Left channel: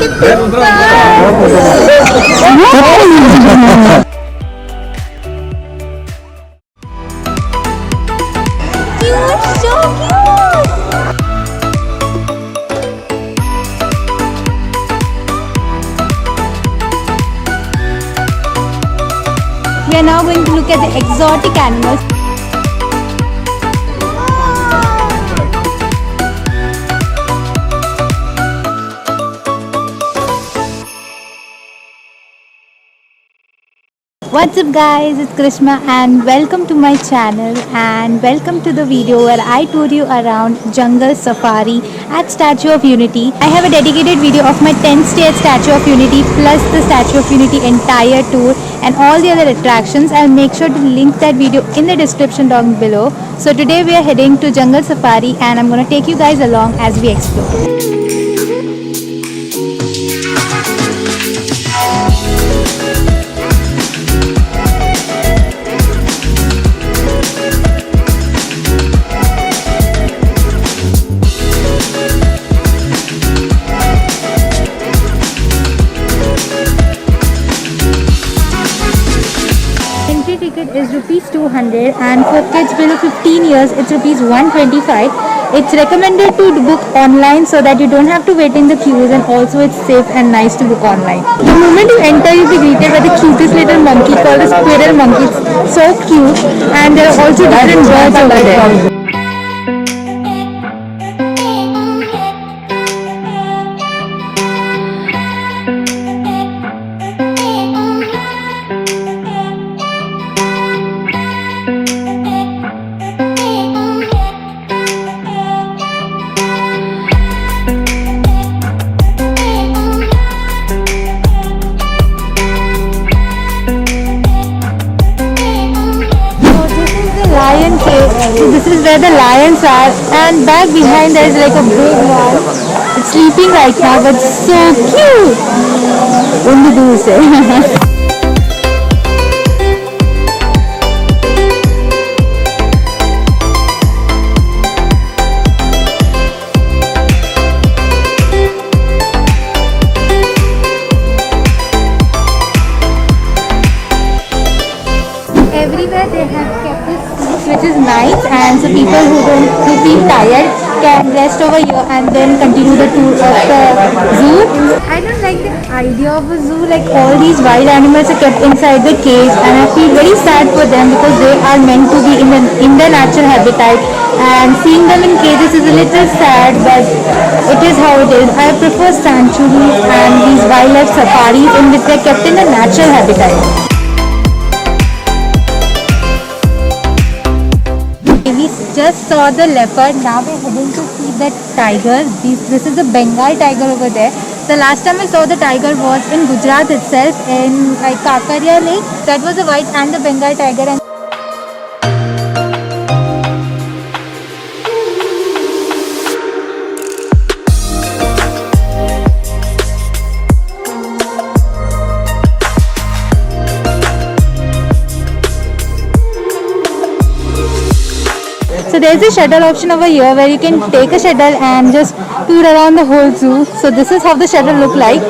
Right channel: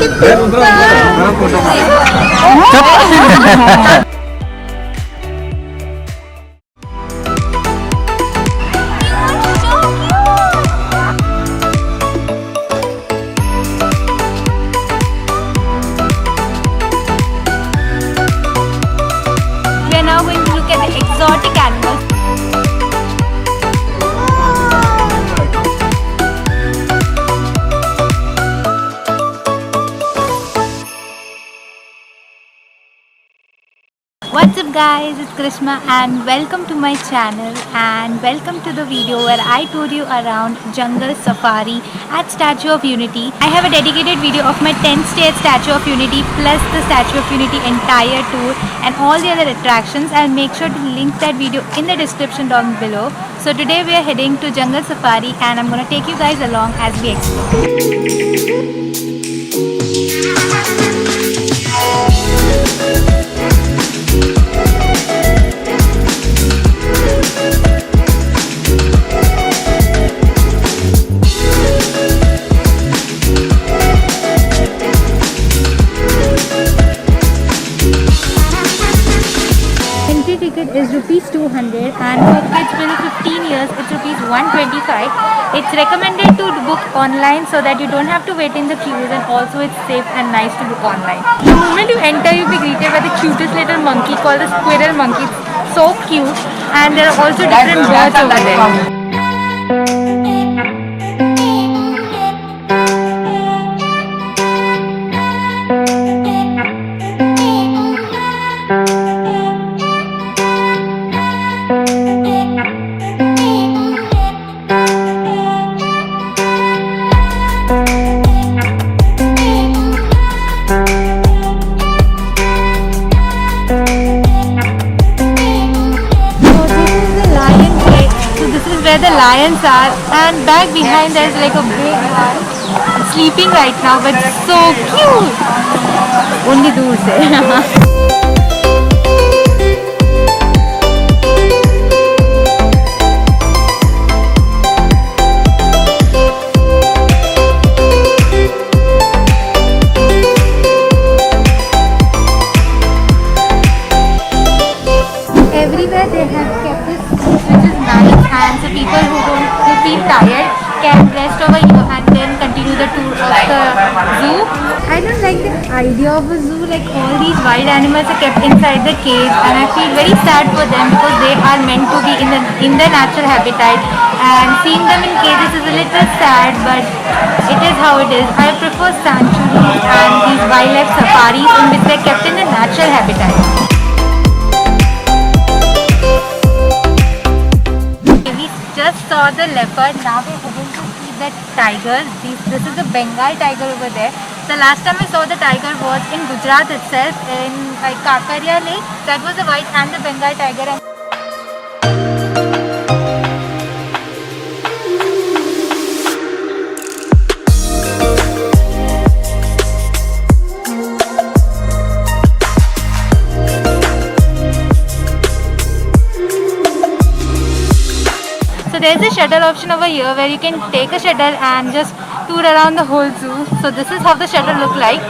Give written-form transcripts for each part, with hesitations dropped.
We are now going to look at the exotic animals. What's up guys, it's Grishma and welcome to my channel and welcome to the video where I toured you around jungle safari at Statue of Unity. I have a dedicated video of my 10th stay at Statue of Unity plus the Statue of Unity entire tour and all the other attractions. I'll make sure to link that video in the description down below. So today we are heading to jungle safari and I'm gonna take you guys along as we explore. Ticket is rupees 200 and for kids below 15 years it's rupees 125. It's recommended to book online so that you don't have to wait in the queues, and also it's safe and nice to book online. The moment you enter, you'll be greeted by the cutest little monkey called a squirrel monkey. It's so cute, and there are also different birds over there. So this is where the lions are, and back behind there is like a big one. It's sleeping right now, but it's so cute. Only दूर से. Everywhere they have kept this seats, which is nice, and so people who feel tired can rest over here and then continue the tour of the zoo. I don't like the idea of a zoo, like all these wild animals are kept inside the cage, and I feel very sad for them because they are meant to be in their natural habitat, and seeing them in cages is a little sad, but it is how it is. I prefer sanctuaries and these wildlife safaris in which they are kept in a natural habitat. We just saw the leopard. Now we're heading to see the tiger. This is the Bengal tiger over there. The last time I saw the tiger was in Gujarat itself, in Kakaria Lake. That was the white and the Bengal tiger. And so there's a shuttle option over here where you can take a shuttle and just tour around the whole zoo. So this is how the shuttle look like.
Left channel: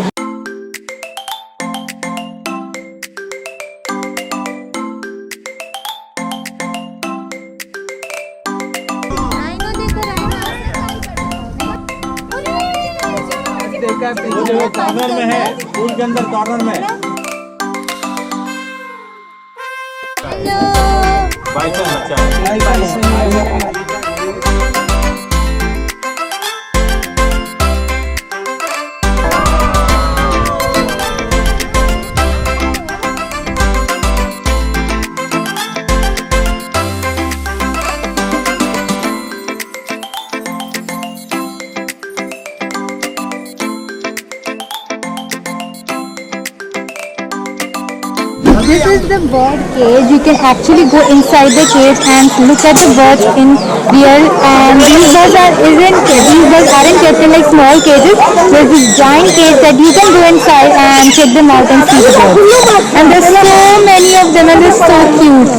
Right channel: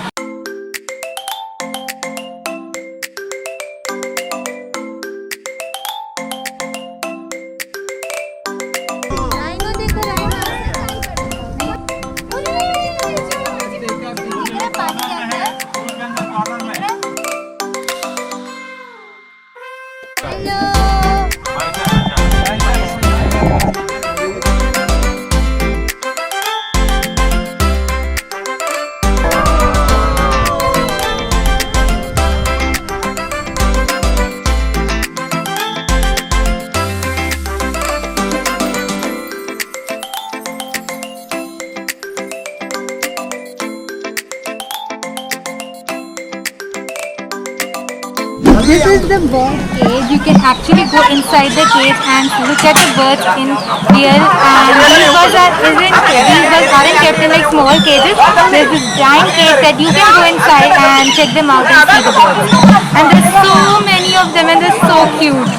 This is the bird cage. You can actually go inside the cage and look at the birds in real. And these birds aren't kept in like small cages. There's this giant cage that you can go inside and check them out and see the birds. And there's so many of them, and they're so cute.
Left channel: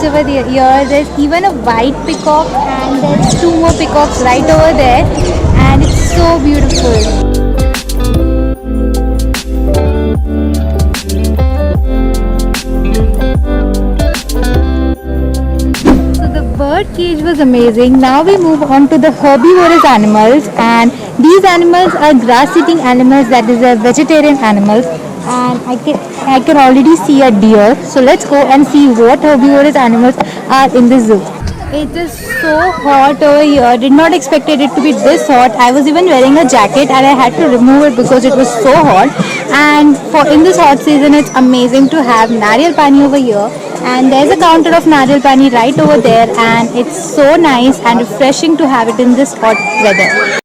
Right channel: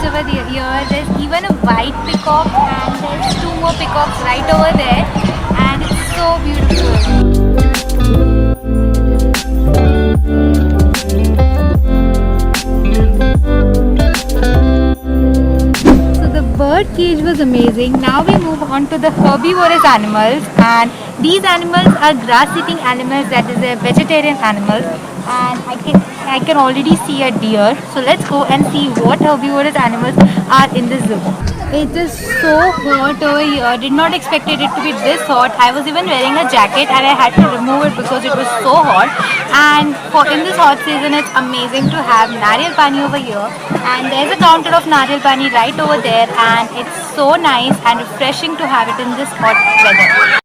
Over here, there's even a white peacock, and there's two more peacocks right over there, and it's so beautiful. So the bird cage was amazing. Now we move on to the herbivorous animals, and these animals are grass-eating animals, that is, they're vegetarian animals. And I can already see a deer. So let's go and see what herbivorous animals are in the zoo. It is so hot over here. Did not expect it to be this hot. I was even wearing a jacket and I had to remove it because it was so hot. And for in this hot season, it's amazing to have nariyal pani over here. And there's a counter of nariyal pani right over there. And it's so nice and refreshing to have it in this hot weather.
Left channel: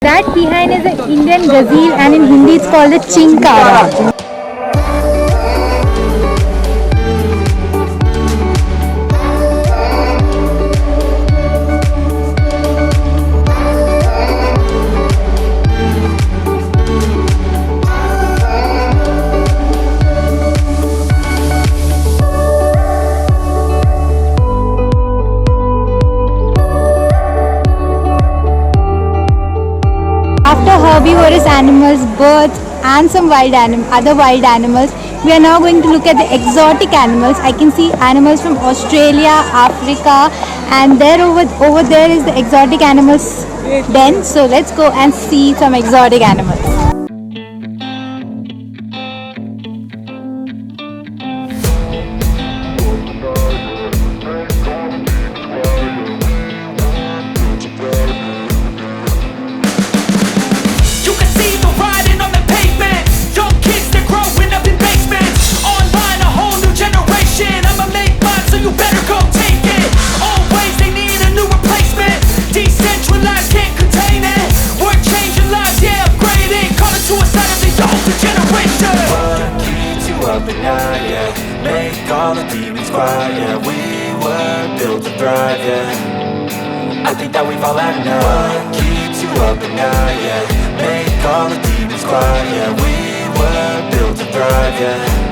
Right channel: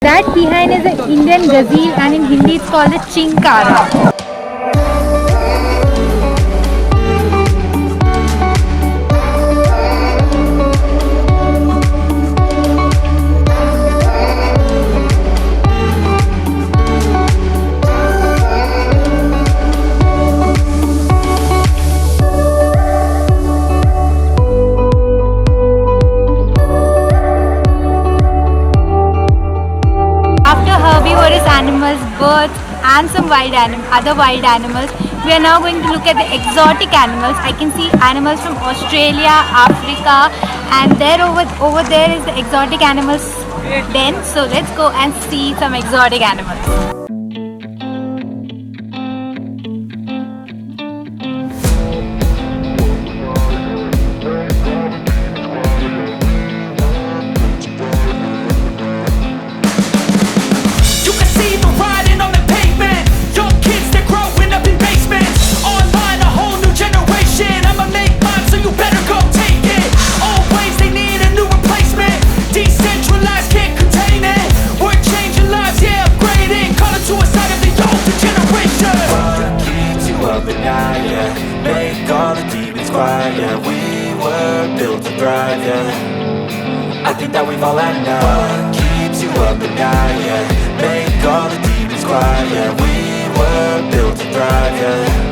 That behind is an Indian gazelle, and in Hindi it's called the chinkara. Herbivorous animals, birds and some other wild animals. We are now going to look at the exotic animals. I can see animals from Australia, Africa, and there over there is the exotic animals den. So let's go and see some exotic animals. Make all the demons quiet, yeah. We were built to thrive, yeah. I think that we've all had enough. What keeps you up at night, yeah. Make all the demons quiet, yeah. We were built to thrive, yeah.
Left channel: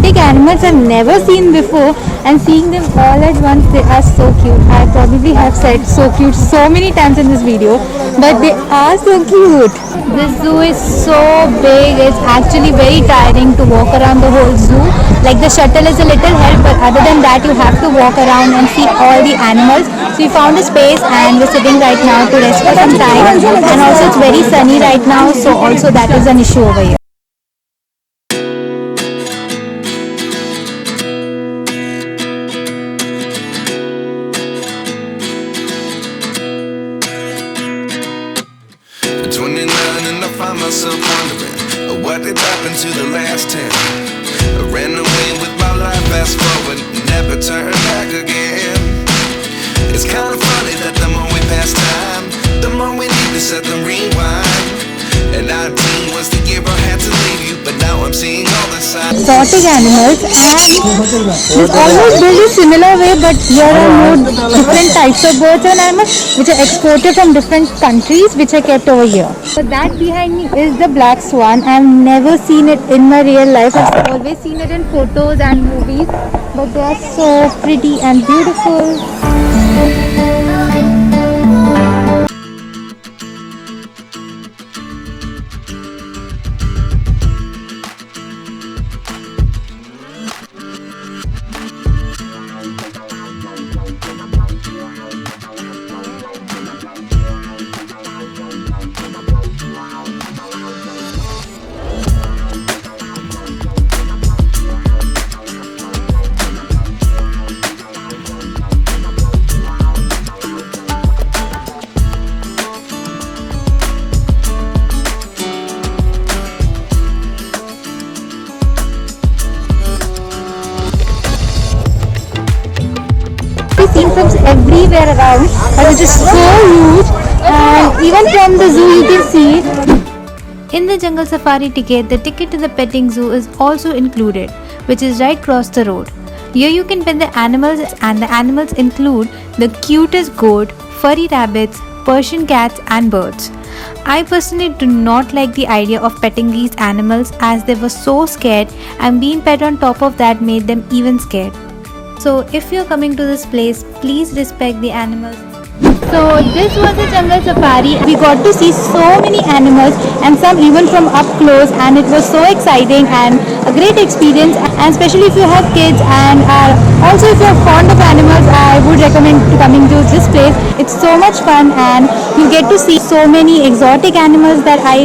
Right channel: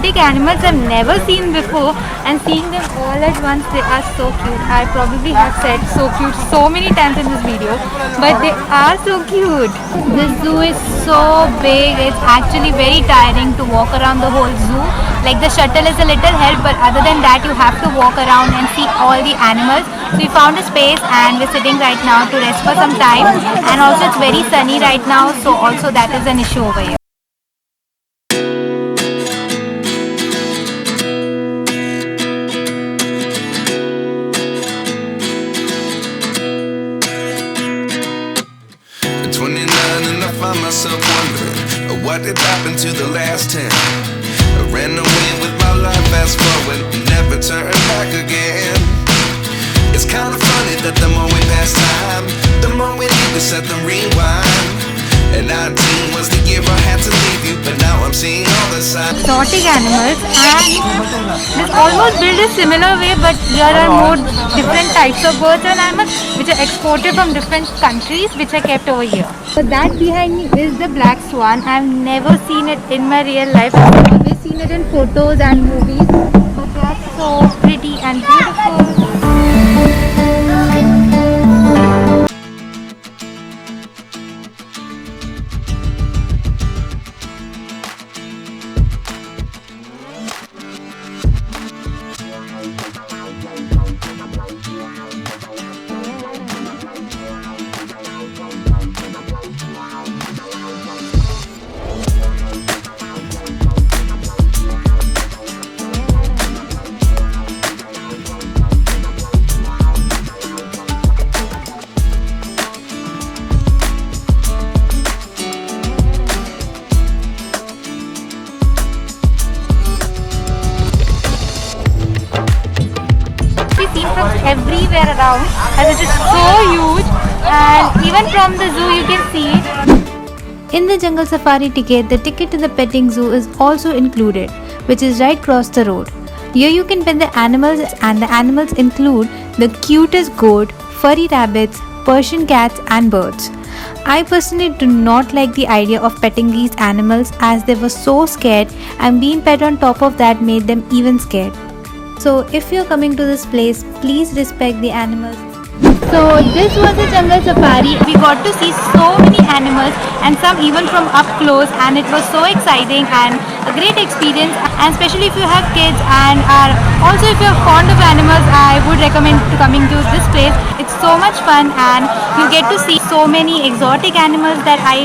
Big animals I've never seen before, and seeing them all at once, they are so cute. I probably have said so cute so many times in this video, but they are so cute. This zoo is so big, it's actually very tiring to walk around the whole zoo. Like the shuttle is a little help, but other than that you have to walk around and see all the animals. So we found a space and we're sitting right now to rest for some time, and also it's very sunny right now, so also that is an issue over here. Find myself wondering what did happen to the last 10. I ran away with my life, fast forward, never turn back again. It's kind of funny that the more we pass time, the more we need to set them rewind. And 19 was the year I had to leave you, but now I'm seeing all the signs. Exotic animals, and this almost built a similar way, but here are more different types of birds and animals which are exported from different countries, which are kept over here. So that behind me is the black swan. I've never seen it in my real life. I've always seen it in photos and movies, but they are so pretty and beautiful. seen from everywhere around, as it is so huge, and even from the zoo you can see it. In the jungle safari ticket, the ticket to the petting zoo is also included, which is right across the road. Here you can pet the animals, and the animals include the cutest goat, furry rabbits, Persian cats and birds. I personally do not like the idea of petting these animals as they were so scared, and being pet on top of that made them even scared. So if you're coming to this place, please respect the animals. So this was a jungle safari. We got to see so many animals and some even from up close, and it was so exciting and a great experience, and especially if you have kids and are also if you're fond of animals, I would recommend to coming to this place. It's so much fun and you get to see so many exotic animals that I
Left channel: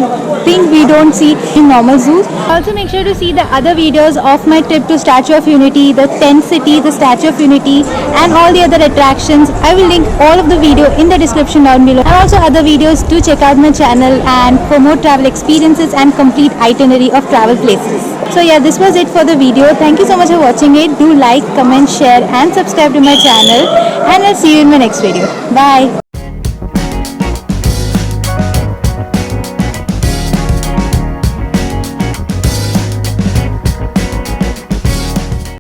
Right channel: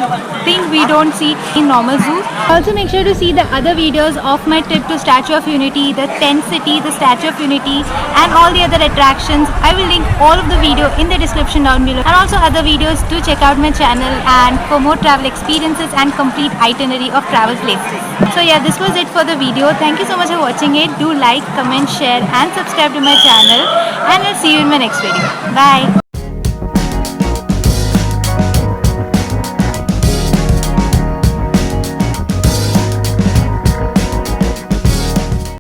think we don't see in normal zoos. Also make sure to see the other videos of my trip to Statue of Unity, the tent city, the Statue of Unity and all the other attractions. I will link all of the video in the description down below, and also other videos. Do check out my channel and for more travel experiences and complete itinerary of travel places. So yeah, this was it for the video. Thank you so much for watching it. Do like, comment, share and subscribe to my channel, and I'll see you in my next video. Bye.